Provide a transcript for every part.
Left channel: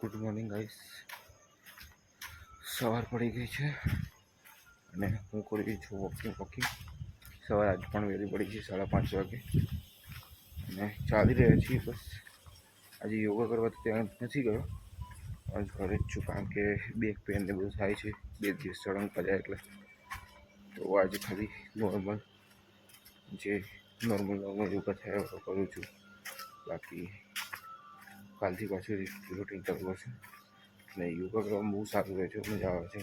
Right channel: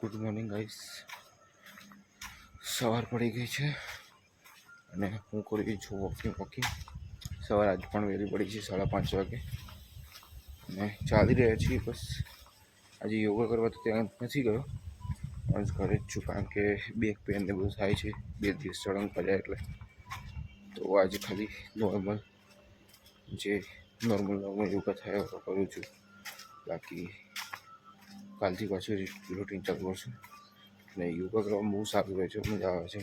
Good morning guys. સવાર પડી ગઈ છે અને હું કરી છું વોકિંગ. સવાર આજ પણ વહેલી પડી છે 5:30 વાગે અને ચાલી રહ્યા છીએ. બસ આજે યોગા કરવા તો ત્યાં નથી ગયો, બસ ઘરે જ છું, કારણ કે બેક પેન ને બધું થાય છે 2 દિવસ સળંગ પડ્યા એટલે. તો આજે ખાલી નોર્મલ યોગા થયા કરું છું. બાકી કાલથી પાછું રૂટીન ચાલુ કરશે અને યોગા કરવામાં બહુ સારું રહે છે, મજા આવે છે.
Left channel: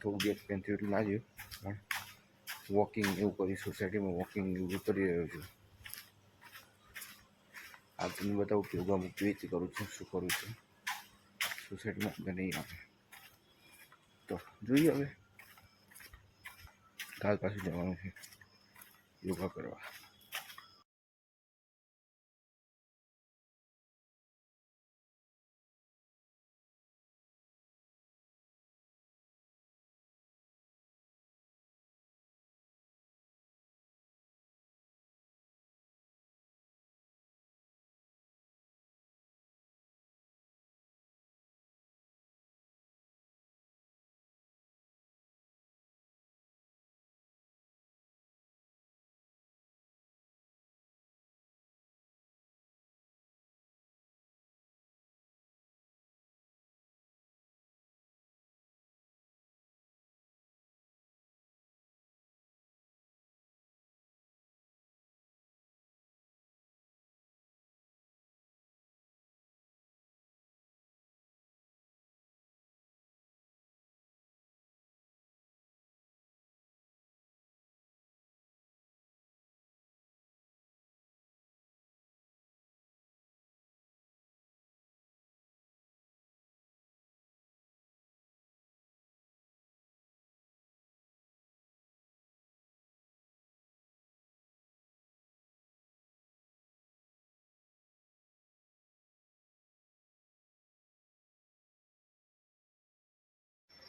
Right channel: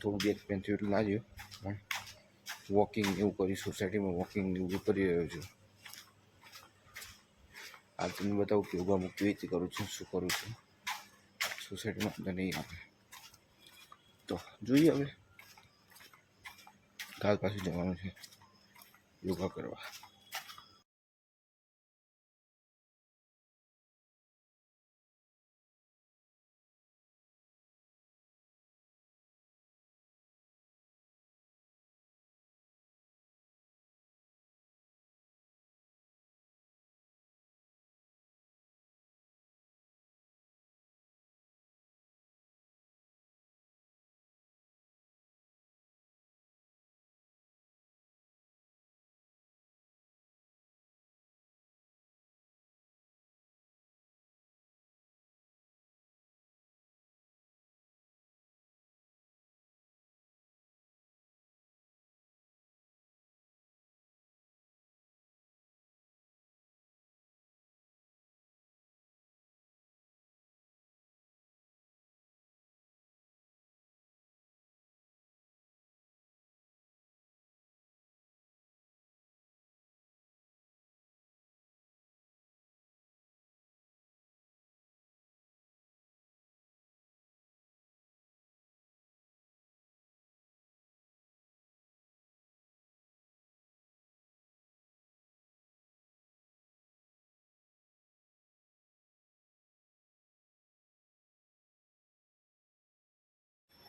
થોડું બેક પેન થયું એટલે લાગ્યું, પણ વોકિંગ એવું કરી સોસાયટીમાં વોકિંગ એવું કરી રહ્યો છું. આ તમને બતાવું કે યોગા હું કેવી રીતે કરું છું, શું કરું છું. સોસાયટીમાં બધા નહીં આવે તો જોઈએ. હવે કાલ પાછું જવાનું છે યોગા કરવા.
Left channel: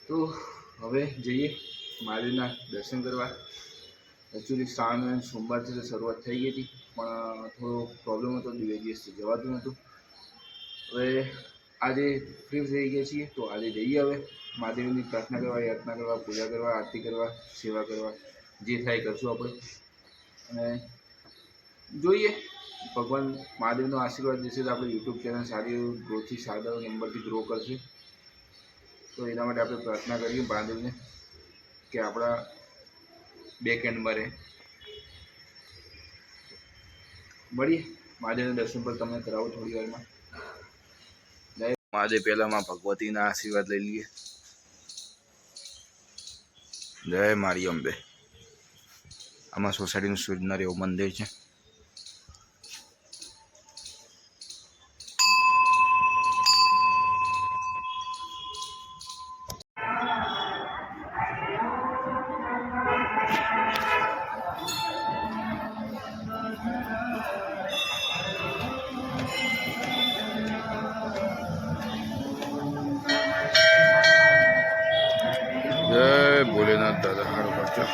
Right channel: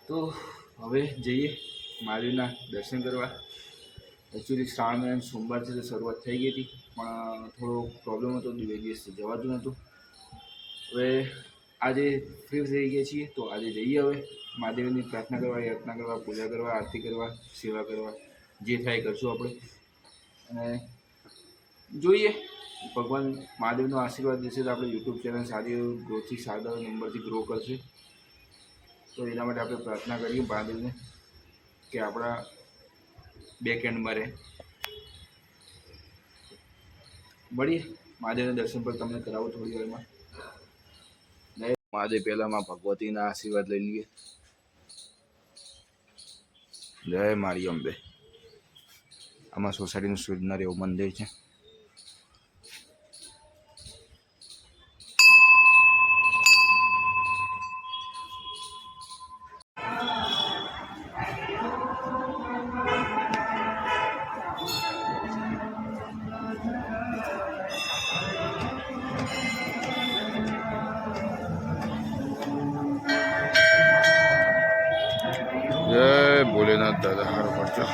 તો હવે જઈએ મહાદેવના દર્શન કરવા. એકચ્યુઅલી શ્રાવણ મહિનાની સોમવારથી તો શરૂઆત થઈ ગઈ હતી, પણ થોડો પ્રોબ્લેમ હતો, 2 દિવસથી જવાતું નહોતું. હવે આજે ફ્રી થઈ ગયા છીએ તો આજે જઈએ. હવે મહાદેવની પ્રાર્થના કરવા, યાચના કરવા, પૂજા કરવા, આરતી કરવા, સેવા કરવા, જે થાય કરશું આપણે. અને જોઈએ, ભગવાન મહાદેવનો આશીર્વાદ દેશે તો આપણે યુટ્યુબ ચેનલ સારી ગ્રોથથી સારા નંબરથી ગ્રો કરશે. તો એના માટે આપણે પ્રાર્થના કરીએ મહાદેવને કે આપણા બેક એન્ડમાં રહે. મળીએ મહાદેવના દર્શન પર તમને કરાવું થોડી વારમાં. મહાદેવ પહેલામાં ભગવતીના આશીર્વાદ લઈ લઈએ. જય મારી અંબે. આમાં સોસાયટીનું સૂચના એવું મંદિર છે. જય ભોલેનાથ દાદા, હારો પડજો.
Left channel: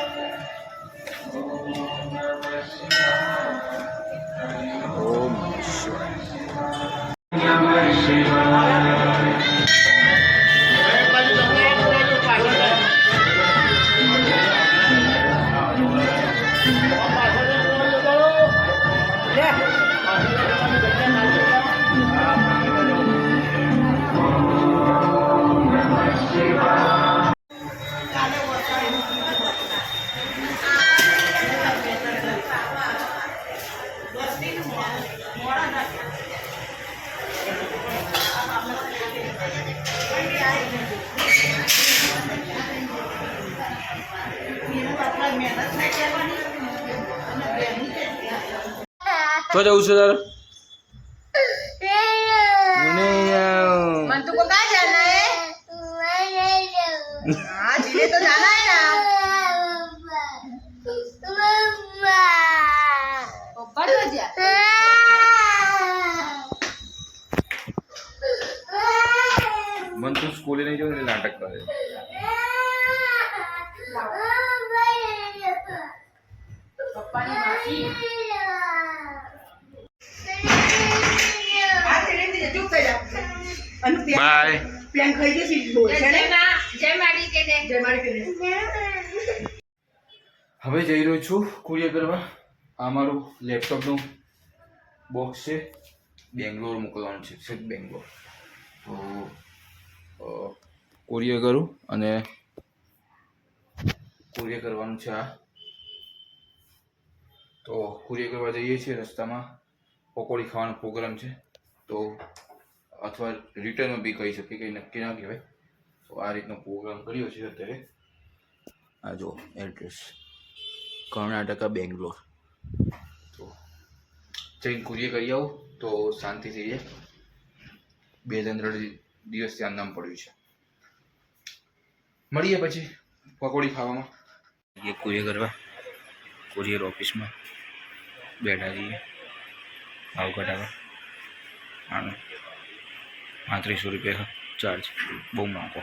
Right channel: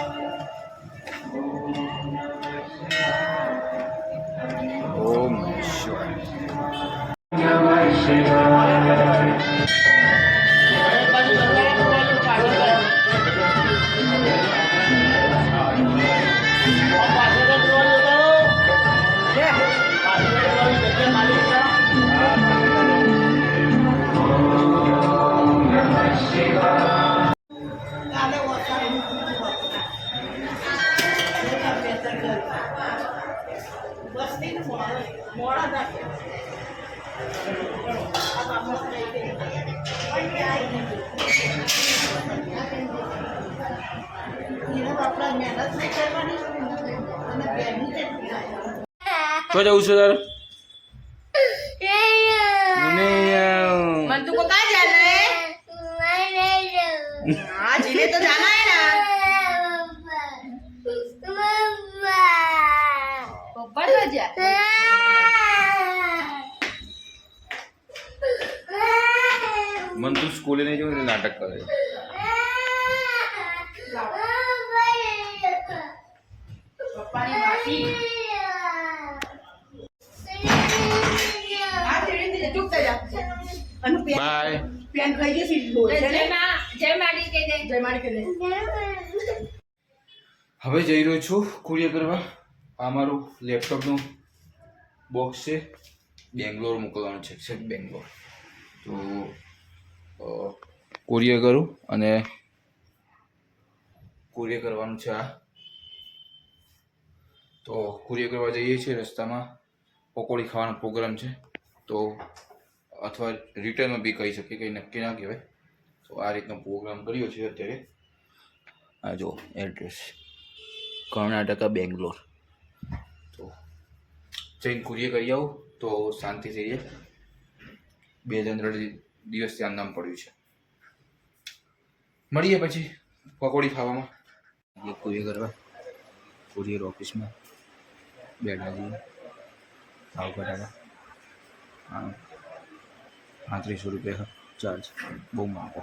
ઓમ તો જવું છું તારે मन तुमको कहाँ जाना है? हाँ जिले तो जाना है ना। पप्पा तो जा। मन तू स्कूल नहीं जाओ, नाटक करे. पप्पा ने मासी અને પેન બાય. પેન ખાઈ ગઈ સીધી બોલ છે ને જય માડી કે દે. જય મારી કરે હવે જઈ રહ્યો છું કુરિયર કરવા. આ મારું લેપટોપનું બોક્સ છે, બેંગ્લોર મોકલવાનું છે બેંગ્લોર. તો કુરિયર કરું અને કુરિયર કરવાનું છે આ. તો કુરિયર કરવા જઈએ છીએ, રસ્તામાં પકોડી ખાવાનો પ્રોગ્રામ છે. તો અથવા રિટર્નમાં બી કહી શકીએ, કંઈ નક્કી ના કહેવાય. તો આ રીતનો પ્રોગ્રામ કર્યો છે અત્યારે. આ જો એડ્રેસ કર્ણાટકા બેંગ્લોર. તો જઈને કુરિયર કરી આવું તો શાંતિ થઈ જાય. 2-3 દિવસ ત્યાં નામ પડ્યું છે. મળીએ પછી પકોડી ખાવામાં. કુરિયર કરવા કુરિયર ઓફિસમાં બેઠા છીએ. ભાવ ઘટાડવા 3500 રૂપિયા ચાર્જ, બહુ મોંઘો.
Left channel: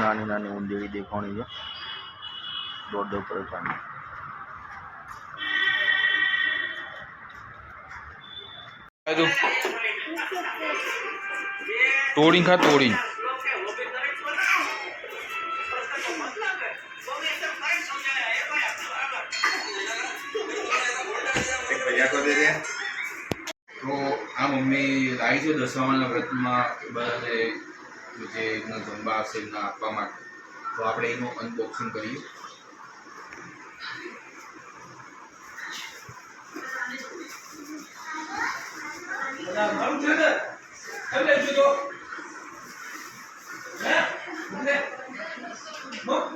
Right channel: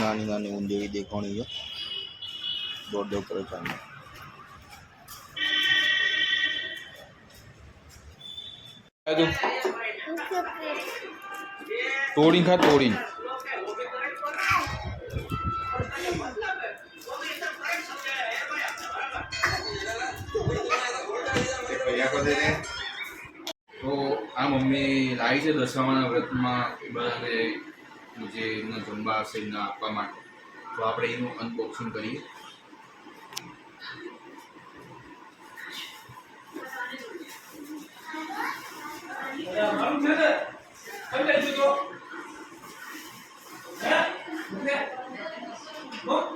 નાની નાની ઊંદેડી દેખાણી છે, દોડ કરે ચાંદી. તોડીને ખા, તોડીને. તો આ મમ્મી લાવી છે દશામાના વ્રતમાં બધા જે એમના જમવા હશે એમને આપવા માટે. તો આપણે એનું અનબોક્સિંગ કરીએ.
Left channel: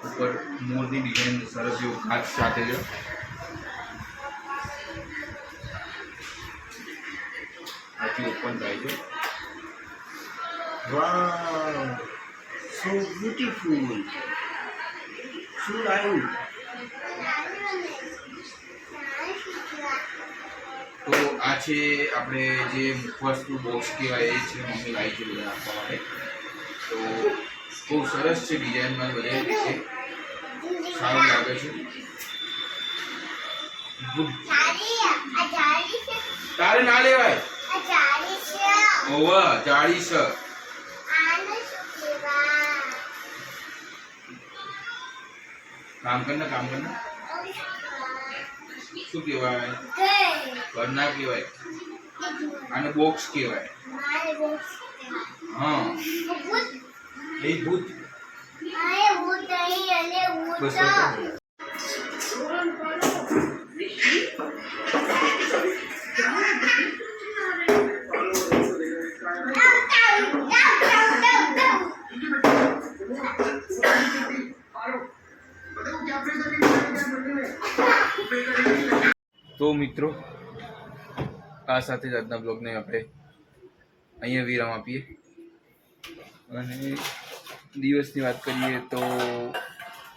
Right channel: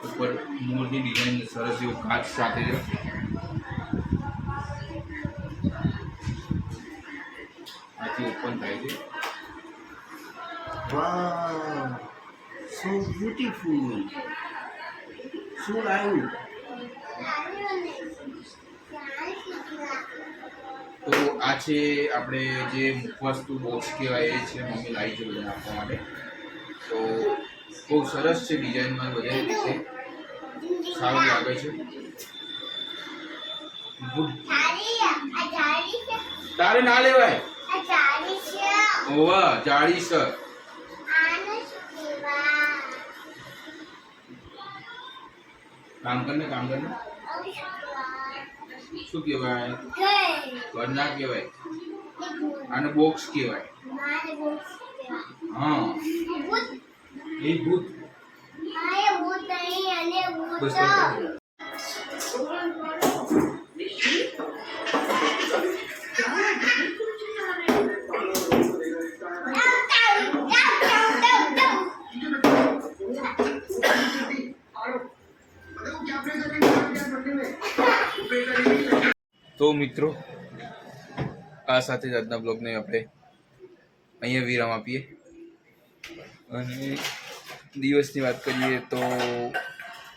ઉપર મોરની ડિઝાઇન સરસ જેવું કાચ સાથે છે. આથી ઓપન થાય છે. Wow, so beautiful. શું લાવ્યું? તો આ છે આપણે જે મુખવાસનું બોક્સ કહેવાય, એ છે મમ્મી લાવી છે બધાને આપવા માટે. તો બહુ સરસ છે, ડિઝાઇનમાં બધે રીતે સારું લાગે છે. ગુડ. તારે ના લેવાય. ઓવા જાળી છે. કામ કરને, કામ કરને. શું કહેવાય? ઘર ના કહેવાય, આને બોક્સ કહેવાય. હા, એ ભૂત. બસ તો મિત્રો, આ સાથે જ આજના બ્લોગને આપણે અહીંયા વિરામ આપીએ. અને દિવસની વાત કરીએ તો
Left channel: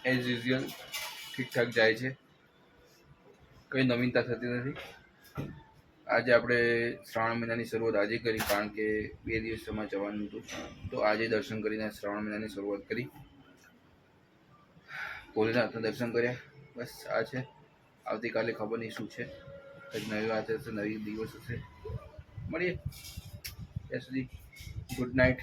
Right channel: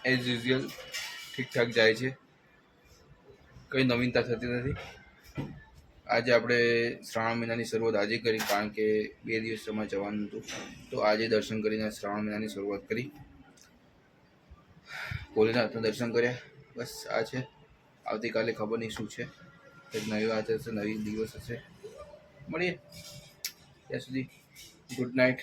એઝ યુઝ્યુઅલ ઠીકઠાક જાય છે, કંઈ નવીનતા થતી નથી. આજે આપણે શ્રાવણ મહિનાની શરૂઆત આજે કરી, કારણ કે 2 દિવસમાં જવાનું હતું. તો આજે દર્શન કરીને શ્રાવણ મહિનાની શરૂઆત કરી. ભોલેનાથના દર્શન કર્યા. બસ આ છે. આવતીકાલે ખબર નહીં શું છે, કંઈક નવી વાત હશે, નવી દિવસ હશે. મળીએ ત્યાં સુધી. Good night.